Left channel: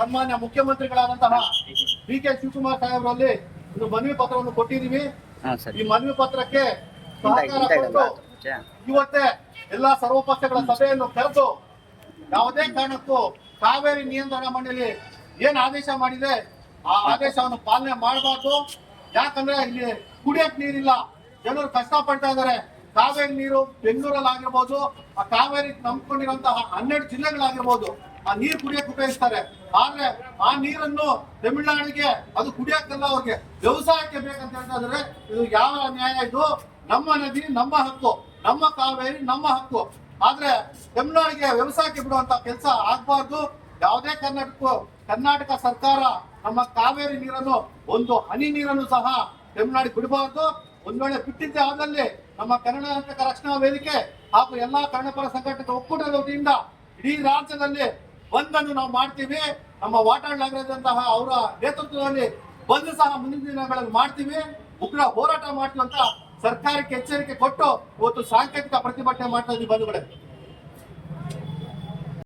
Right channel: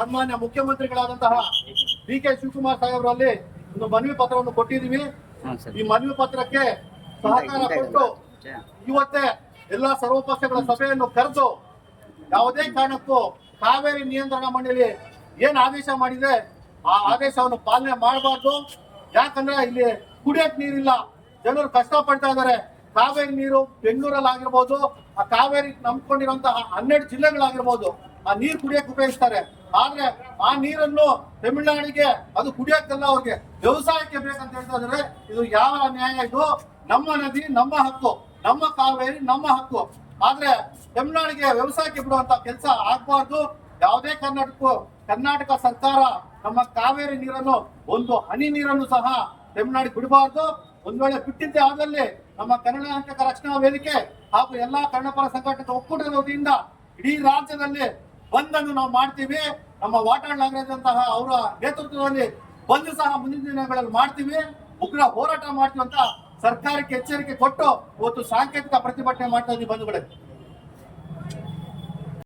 ಸನ್ಮಾನ್ಯ ಮುಖ್ಯಮಂತ್ರಿಗಳಾದಂತಹ ಡಿ.ಕೆ. ಶಿವಕುಮಾರ್ ಸಾಹೇಬರಲ್ಲಿ ಒಂದು ಮನವಿ ಪತ್ರವನ್ನು ಕೊಟ್ಟಿದ್ದೀವಿ. ಈ ಮನವಿ ಪತ್ರಕ್ಕೆ ಸಹಕಾರ ಕೊಟ್ಟು ಇವತ್ತೇ ಎಲ್ಲಾ ಸರ್ವಪಕ್ಷಗಳ ಸಭೆಯನ್ನು ಕರೆದು ಯಾವುದೇ ಕಾರಣಕ್ಕೂ ಕಾವೇರಿ ನಿಯಂತ್ರಣ ಮಂಡಳಿ ಏನ್ ಆದೇಶ ಮಾಡಿದೆ ಆ ಆದೇಶವನ್ನು ಪಾಲನೆ ಮಾಡಬಾರ್ದು. ಯಾಕಂದ್ರೆ ಇಲ್ಲಿ ಕುಡಿಯಕ್ ನೀರಿಲ್ಲ, ಜನರು ಕಷ್ಟ ಪಡ್ತಾ ಇದ್ದಾರೆ. ಕಾವೇರಿ ನೀರು ಬೆಂಗಳೂರಲ್ಲಿ ಆಗಿರ್ಬೋದು, ಆ ಕಾವೇರಿ ನಂಬ್ಕೊಂಡಿರುವಂತಹ 12 ಜಿಲ್ಲೆಗಳಾಗಿರ್ಬೋದು, ಆ ನೀರು ಕುಡಿಯಕ್ಕೆ ಉಪಯೋಗಿಸ್ತಾರೆ. ಆದ್ರೆ ಆ ನೀರನ್ನು ತಮಿಳುನಾಡಿಗೆ ಅದು ಕುಡಿಯಕ್ಕಲ್ಲ, ಅವ್ರಿಗೆ ವ್ಯವಸಾಯಕ್ಕೆ ಬೇಕಂತ ಹೇಳ್ತಾ ಇದಾರೆ. ಇದು ಯಾವ ನ್ಯಾಯ? ಇದು ನಮ್ಮ ನದಿ, ನಮ್ಮ ಹಕ್ಕು, ನಮ್ಮ ಕಾವೇರಿ ನಮ್ಮ ಹಕ್ಕು. ಆದ್ರೆ ತಮಿಳುನಾಡಿಗೆ ವ್ಯವಸಾಯಕ್ಕೆ ಬಿಡುವಂತ ಕೆಲಸ ಆಗ್ಬಾರ್ದು. ಯಾವುದೇ ಕರ್ನಾಟಕ ಸರ್ಕಾರ ನಮ್ಮ ಕಾವೇರಿ ನೀರನ್ನು ಒಂದು ಹನಿ ನೀರನ್ನು ಸಹ ತಮಿಳುನಾಡಿಗೆ ಬಿಡಬಾರ್ದು. ಒಂದ್ ವೇಳೆ ಬಿಟ್ಟಿದ್ದೆ ಆದಲ್ಲಿ ನಮ್ಮ ಕರ್ನಾಟಕ ರಕ್ಷಣಾ ವೇದಿಕೆ ಹಾಗೂ ಎಲ್ಲಾ ಕನ್ನಡಪರ ಸಂಘಟನೆ ಒಕ್ಕೂಟದ ವತಿಯಿಂದ ಇಡೀ ರಾಜ್ಯದಲ್ಲಿ ಬಂದ್ ಅನ್ನು ನಾವು ಮಾಡ್ತೀವಿ. ನಮ್ಮ ವಾಟಾಳ್ ನಾಗರಾಜಂತಹ ಅವರ ನೇತೃತ್ವದಲ್ಲಿ ಬಂದ್ ಸಹ ಮುಂದಿನ ದಿನಗಳಲ್ಲಿ ಮಾಡ್ತೀವಿ. ಉಗ್ರ ಹೋರಾಟ ಮಾಡ್ತೀವಿ ಅಂತ ಸರ್ಕಾರಕ್ಕೆ ಎಚ್ಚರಿಕೆ ಕೊಟ್ಟು ಇವತ್ತು ಸಾಂಕೇತಿಕ ಪ್ರತಿಭಟನೆ ಮಾಡ್ತಾ ಇದ್ದೀವಿ ಬಂಧುಗಳೇ.